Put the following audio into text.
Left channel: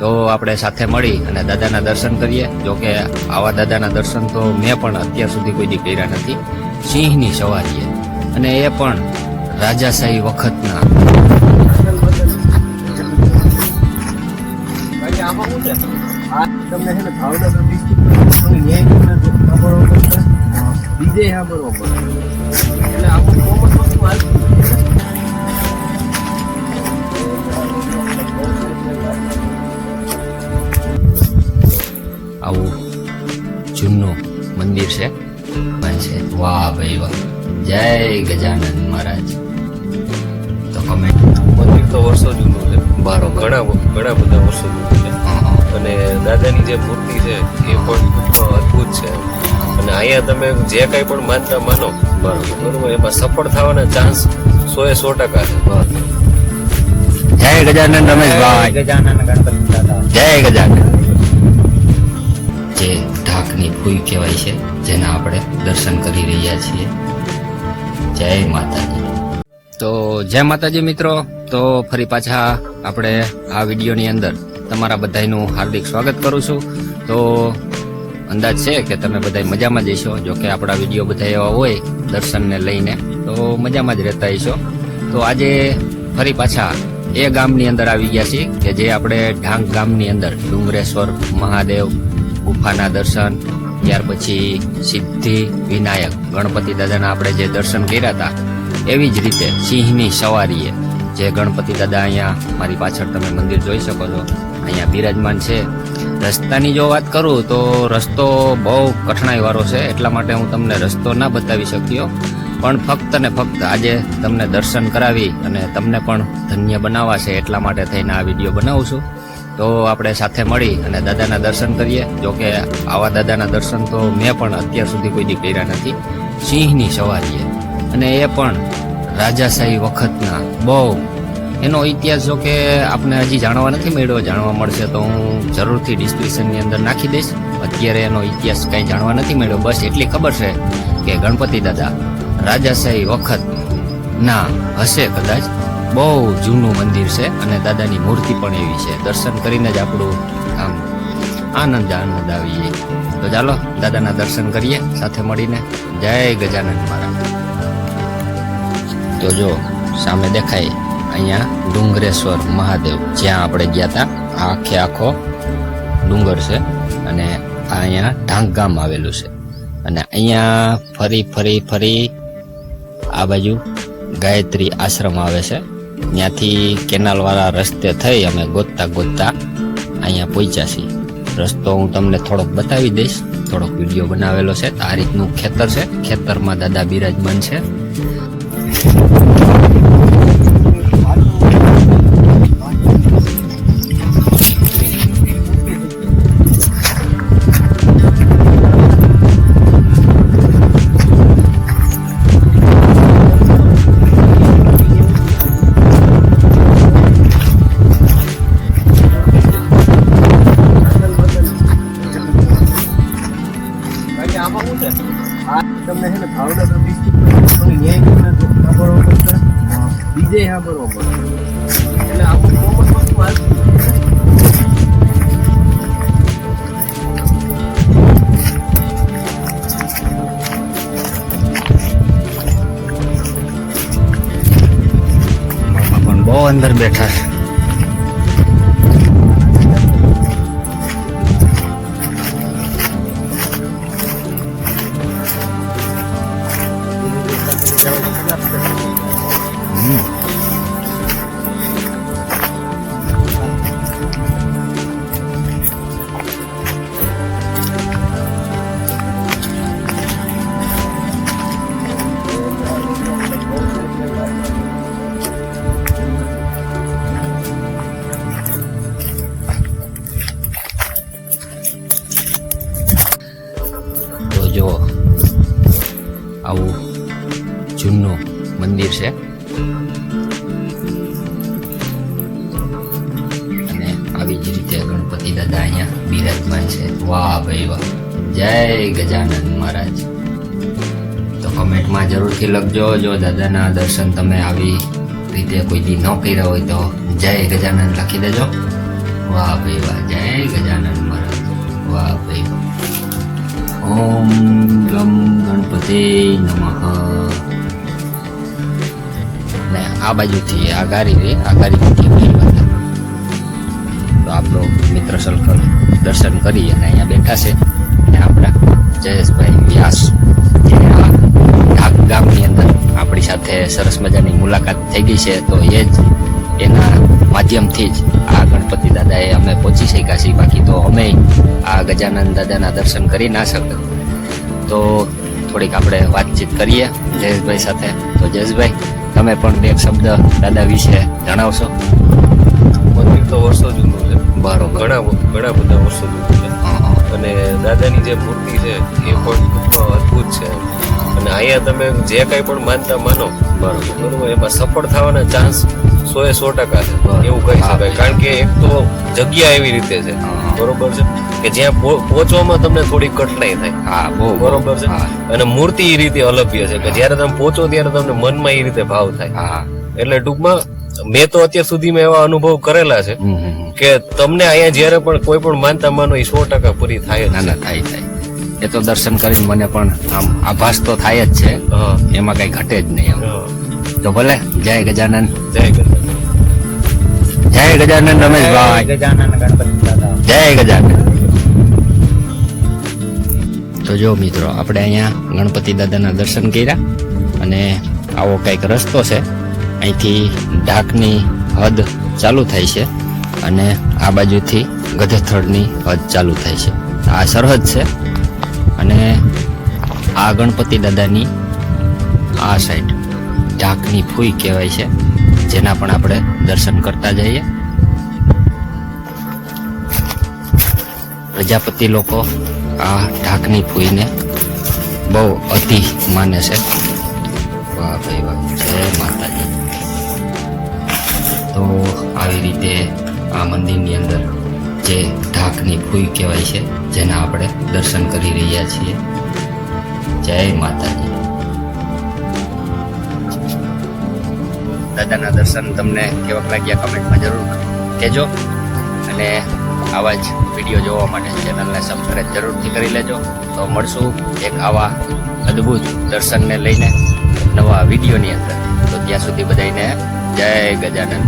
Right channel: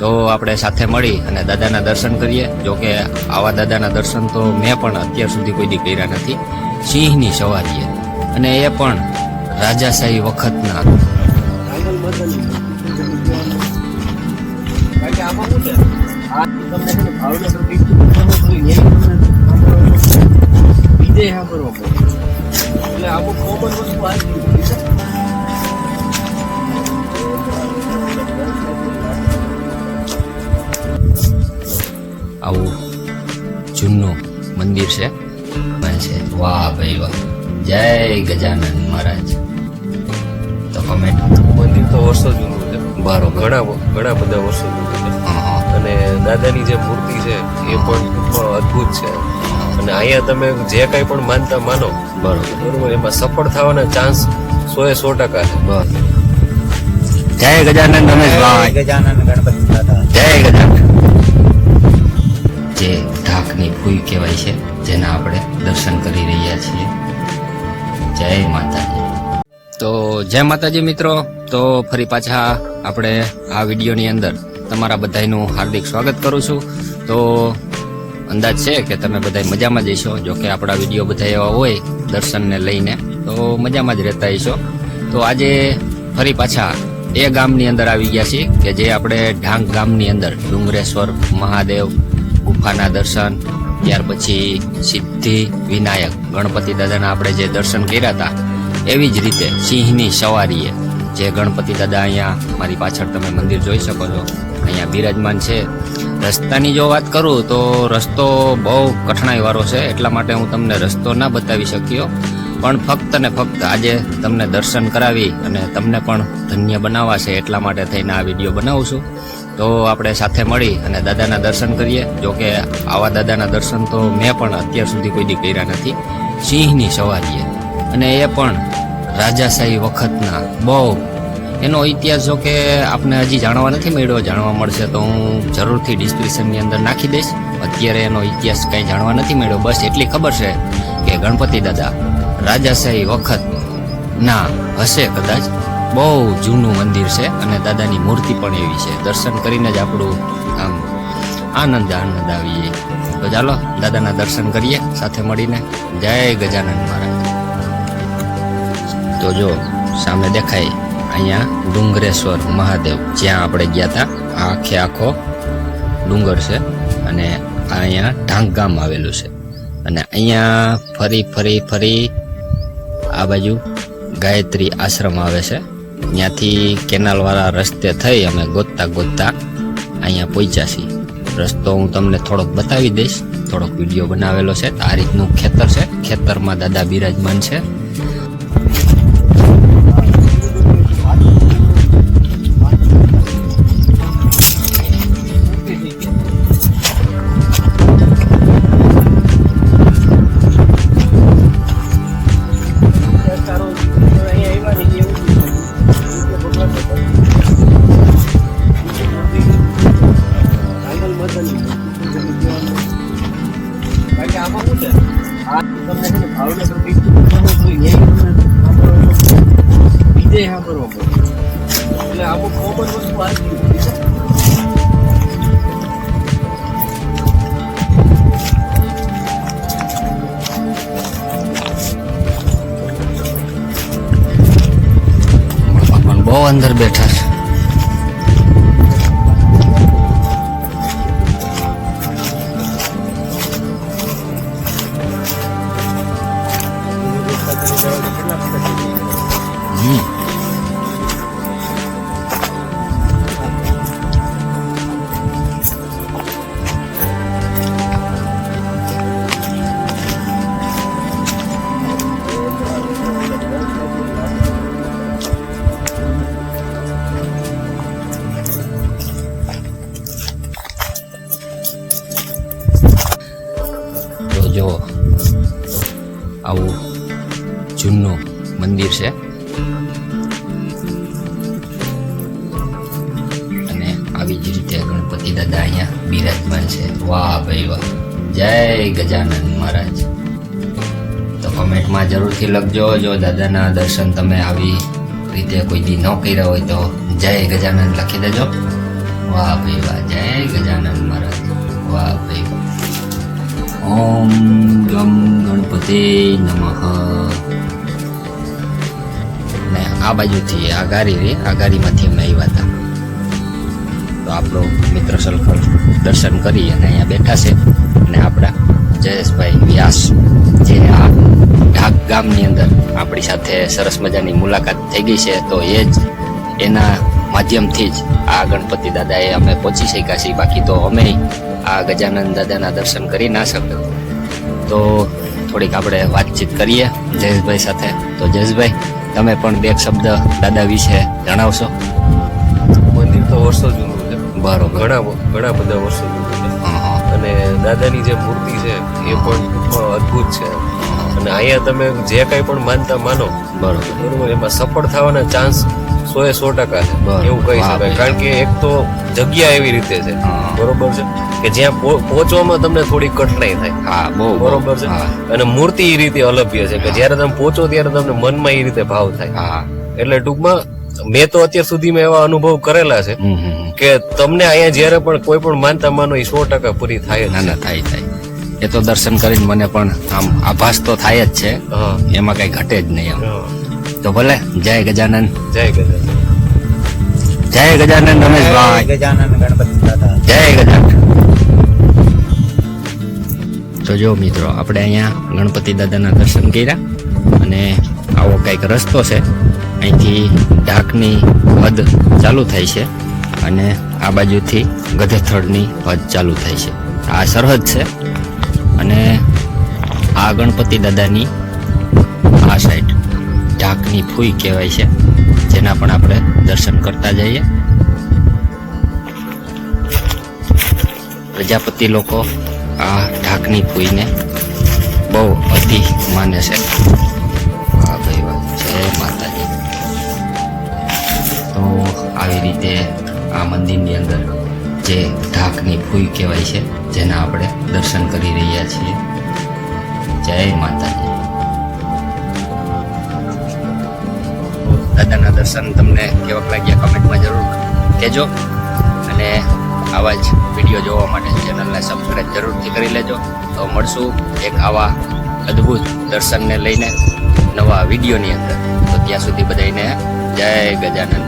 તો આપણે સાથે મળી અને દાદાના દર્શન કરીએ. જો કે આવા દાદાના દર્શન તો મેં પણ અત્યાર સુધી કોઈ દી કર્યા નથી. સિંહની સવારીએ. અને એ પણ રાજાશાહી વખતના. બીજે સાંભળવા પડશે એટલે અમુક કોમન વસ્તુ આવી આવું જૂનું મંદિર છે છે. વાહ, ભાઈ વાહ. જય ગજાનંદ મહારાજ. તો કમેન્ટ મંદિર તો વર્ષો જૂનું છે. બરોબર. ઘણા ઘણા બધા વર્ષો જૂનું છે. અને દાદાની જે મૂર્તિ છે એ પણ અદભુત અદ્ભુત છે. અને અહીંયા તમે જે કાંઈ પણ માનતા માનો બરોબર. બરોબર એમાં સફળ થવાના ચાન્સ સો એ સો ટકા છે. બરોબર જય ગજાનંદ રમેશભાઈ. ગજાનંદ ગણપતિ દાદા. જય ગજાનંદ. જે ઢાકની ભૂઈ કહેવાય છે જેના આપણે દર્શન કરી રહ્યા છીએ. જય માતાજી. તો જય માતાજી મિત્રો, તો ફરી પાછા આપણે આ વિડીયોની અંદર તમારા બધાનું હાર્દિક સ્વાગત કરું છું. તો અંદાજ છે કે તમે બધા મજામાં જઈશો જો કે આપણા વીડિયો બધા એવા હોય દર્શનને લઈને, તો મજામાં જ રહેતા હશો. તો આજે ફરી પાછા એ ગામની અંદર આવી ગયા છીએ કે જે આપણે ઢાંગ ગામની અંદર ડુંગરેશ્વર મહાદેવ ગુફાના દર્શન ત્યાર પછી સિદ્ધિ વિનાયક ગણપતિ દાદાના આપણે જે દર્શન કર્યા હતા, એવી જ રીતે સિંહની સવારીએ જે ગણપતિ દાદા અહીંયા મારી પાછળ તમે મંદિર જોઈ શકો છો, અહીંયા બિરાજમાન છે. રસ્તાની જો વાત કરું તો રસ્તો બહુ કઠણાઈ વાળો છે, એટલા માટે હું તમને રસ્તો ના બતાવી શક્યો. પણ ફક્ત ને ફક્ત આજે તમને દર્શન કરાવી અને તમને પણ ધન્ય બનાવવા છે એટલા માટે થઈને આ વીડિયો બનાવું છું. તો આપણે સાથે મળી અને દાદાના દર્શન કરીએ. જો કે આવા દાદાના દર્શન તો મેં પણ અત્યાર સુધી કોઈ દી કર્યા નથી. સિંહની સવારીએ. અને એ પણ રાજાશાહી વખતના બહુ. એનો ઇતિહાસ જો કે આપણે હજી જાણવા નથી મળ્યો, જાણવા મળશે તો હું જરૂરથી ડિસ્ક્રિપ્શનની અંદર નાખી દઈશ. અત્યારે એનો ઇતિહાસ કંઈ જાણવા નથી મળ્યો. બસ એટલી ખબર છે કે ગણપતિ દાદા રાજાશાહી વખત ના હશે કદાચ. બહુ જૂનું મંદિર છે અને દાદાની મૂર્તિ પણ એવી છે. દર્શન કરીને જ આપણું આમ આનંદ આનંદ આવી જાય તો ચાલો, દાદાના દર્શન કરીએ, સાથે મળીને. જય ગજાનંદ મહારાજ. તો જો, સામે દેખાય અહીંયા ડુંગરેશ્વર મહાદેવ. જ્યાં આપણે ગયા હતા આખે આખો ડુંગર છે અને અહીંયા ઢાંગ ગામ આવેલું છે. અને અહીંયા ફરી ફરી ફરી આ બાજુ ગાયત્રી આશ્રમ આવે છે. ત્યાંથી કેનાલવાળા રસ્તે થઈ અમે ગોતતા ગોતતા અહીંયા પહોંચ્યા છીએ. રસ્તો હું તમને થોડોક બતાવી દઈશ. થોડોક વીડિયો બનાવેલો છે. આ રીતનું ખેતર છે. ખેતરમાં દાદા બિરાજમાન છે. બહુ મંદિર અને આવી જ રીતે ગણપતિ દાદા અહીંયા બિરાજમાન છે. વાહ ભાઈ વાહ. જય ગજાનંદ મહારાજ. તો કમેન્ટમાં જરૂરથી લખજો. જો દાદાના દર્શન તમે આવી રીતે કોઈ દી ન કર્યા હોય તો જય ગજાનંદ લખી દેજો. વાહ ભાઈ વાહ. જય ગજાનંદ મહારાજ. વાહ ભાઈ ઓમ ગમ ગણપતે નમઃ. ને આ બાજુથી આ ગાડી રે, આ અમે આવ્યા હતા. તો આપણો મિત્ર સલખર દર્શન કરી અને અહીંયા બેઠા છે. અને આપણા જયેશભાઈ વ્યાસ, જે આ ઢાક ગામની અંદર આપણી સાથે સરસ મજાની મુલાકાત થઈ ગઈ છે, તો એ જ એના માધ્યમથી જ આ ગણપતિ દાદાએ અમે પહોંચી શક્યા છીએ. બાકી તો અમે આ ગજાનંદ દાદાના દર્શન કરી ના શક્યો તો થોડીક આપણે વાતચીત કરીએ જયેશભાઈ સાથે. તો જયેશભાઈ તમે પણ બે શબ્દ દાદા વિશે જણાવશો? મંદિર તો વર્ષો જૂનું છે. બરોબર. ઘણા ઘણા બધા વર્ષો જૂનું છે. અને દાદાની જે મૂર્તિ છે એ પણ ટૂંકમાં અદ્ભુત છે. અને અહીંયા તમે જે કાંઈ પણ માનતા માનો બરોબર. બરોબર એમાં સફળ થવાના ચાન્સ સો એ સો ટકા છે. એવું કહી શકાય. કારણ કે એક તો જગ્યા એવી રીતે છે. બરોબર છે? કે જ્યાં પહો- પહોંચવામાં તમને થોડી કઠણાઈ થાય. હા બહુ. બરોબર છે? અને મૂર્તિ એ રીતે અલભ્ય છે કે જ્યારે તમે પહોંચો ત્યારે તમને મનમાં એ રીતે ભાવ થાય. હા એટલે ટૂંકમાં મેં તો અત્યાર સુધીમાં એવા અનુભવ કરેલા છે. કે તમને અહીંયા જ્યારે પણ કોઈ પણ માનતા માનો એ સો ટકા પૂરી થાય ના ના થાય થાય. એ તો દર્શન કરીને મને પણ આમ આભાસ તો થાય જ છે. એમાં કઈ ઘટે જ નહીં. તો ભલે. જય ગજાનંદ જય ગજાનન. જય ગજાનંદ રમેશભાઈ. ગજાનન ગણપતિ જય ગજાનંદ તો જો મિત્રો આપણે અહીંયા ગણપતિ દાદાના દર્શન કર્યા અને આવો કંઈક રસ્તો છે. અહીંથી ઢાકની હદ ચાલુ થાય છે અને આ બાજુથી ગધેથળની હદ ચાલુ થાય છે. આ સરહદ છે અને આ ગણપતિ દાદાની આ સાઈડ ઢાકની ફૂઈ કહેવાય છે, જેના પણ આપણે દર્શન કરતા જઈએ. પ્રજાપતિ લોકો આ ઢાકની ફૂઈને બહુ અતિ માને છે. વાહ ભાઈ વાહ, જય માતાજી. તો આવી રીતે આ મંદિરની અંદર જે ઢાકની ફૂઈ કહેવાય છે, જેના આપણે દર્શન કરી રહ્યા છીએ. જય માતાજી. દાદાના દર્શન તમને કેવા લાગ્યા કમેન્ટમાં જરૂર કહેજો. અને આવા જ વીડિયો જોવા માટે ચેનલને સબસ્ક્રાઈબ જરૂરથી કરી લેજો. તો મળશું એક આવા અદ્ભુત દર્શનને લઈને નવા વિડીયોની અંદર. તો ત્યાં સુધી બધાને જય ગજાનંદ